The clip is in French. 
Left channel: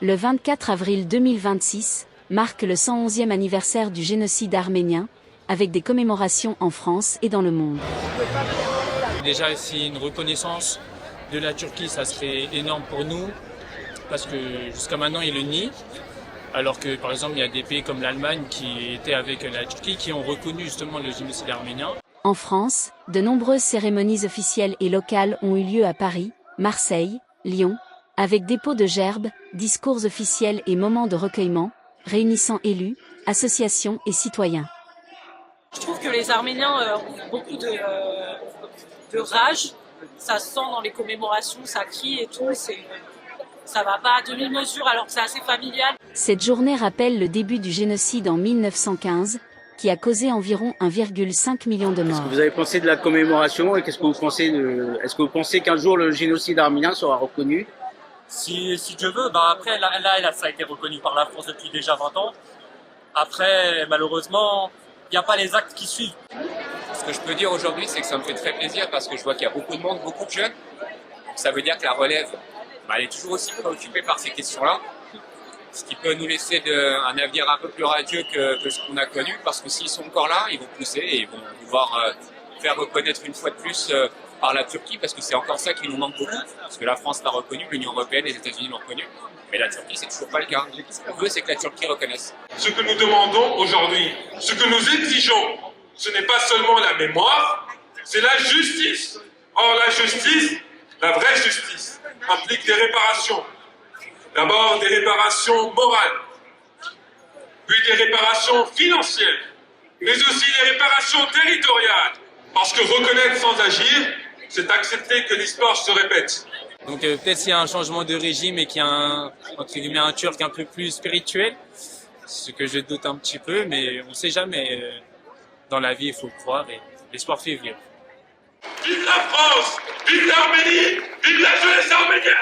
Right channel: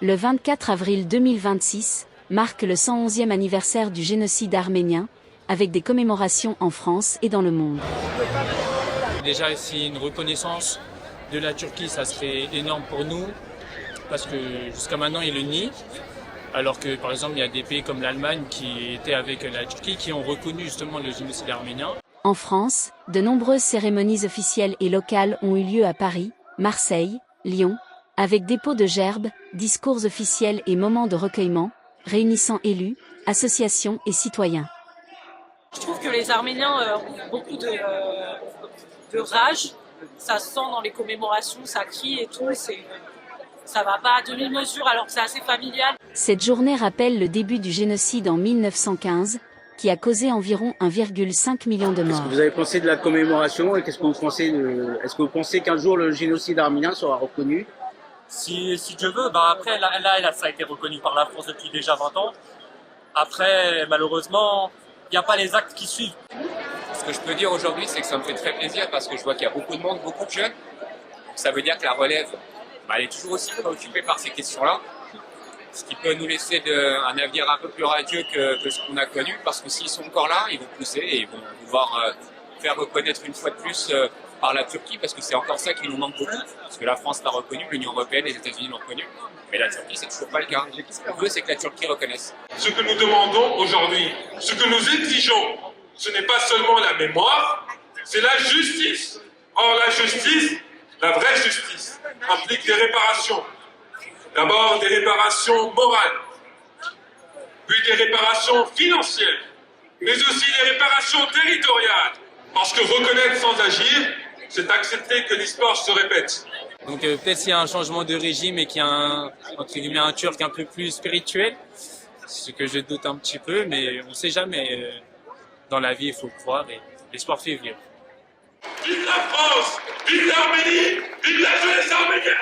Le 24 avril 2026 marque le 111e anniversaire du génocide arménien, avec des commémorations en France et dans le monde. Déjà, si une reconnaissance de la Turquie, ça serait énorme pour nous, parce que jusqu'à maintenant, ils le nient. Alors que, par exemple, il y a des pays comme l'Allemagne qui étaient avec la Turquie, qui ont reconnu justement le génocide arménien. En France, de nombreuses cérémonies officielles et locales ont eu lieu à Paris, Marseille, Lyon, avec dépôt de gerbes, discours officiels et moments de recueillement, réunissant élus, associations et citoyens. Je trouve que les Arméniens ont beaucoup de rage. Ça se sent dans les commémorations, ça crie et tout. Ça va pas à demi-mesure alors que c'est assez familial. Cette journée rappelle le début du génocide en 1915, qui a causé environ 1,5 million de morts. Qu'est-ce que vous avez pensé de la commémoration et qu'est-ce que vous pensez est-ce que vous pensez qu'un jour le génocide arménien sera reconnu? Si Dieu veut, après là, ça a été reconnu par la France depuis déjà 20 ans. Après, malheureusement, il n'y a pas les actes qui suivent. Ce que je peux dire aujourd'hui, c'est que ça me fait très plaisir parce que je vois qu'il y a beaucoup de monde, beaucoup de jeunes. Ça veut dire que la relève, elle est toujours aussi préoccupée par ces questions-là. Ce qui peut nous laisser un avenir un peu plus radieux que ce qu'on a connu, parce que s'ils sont encore là, ils vont pousser et ils vont pouvoir faire reconnaître une fois de plus par la Turquie, parce que c'est encore ça qui nous manque beaucoup, parce que la France l'a reconnu, l'Union européenne, les États-Unis l'ont reconnu, mais la Turquie, c'est toujours pas le cas. Ce qu'on veut, c'est que la Turquie reconnaisse. Ce que nous demandons aujourd'hui, ce que nous exigeons, ce n'est pas seulement la mémoire, c'est la justice. Or, la justice, la vraie justice, implique des réparations. D'abord des réparations morales, puis des réparations financières, mais aussi des réparations territoriales. Parce que reconnaître sans agir, c'est accepter que l'histoire se répète. Donc peut-être s'il y a un changement de régime et qu'il y a entre guillemets, un Turc un peu plus spirituel, ce que je doute un petit peu, mais on ne sait jamais. Dans la vie, il faut croire et l'espoir fait vivre. Vive la France, vive l'Arménie, vive la jeunesse arménienne!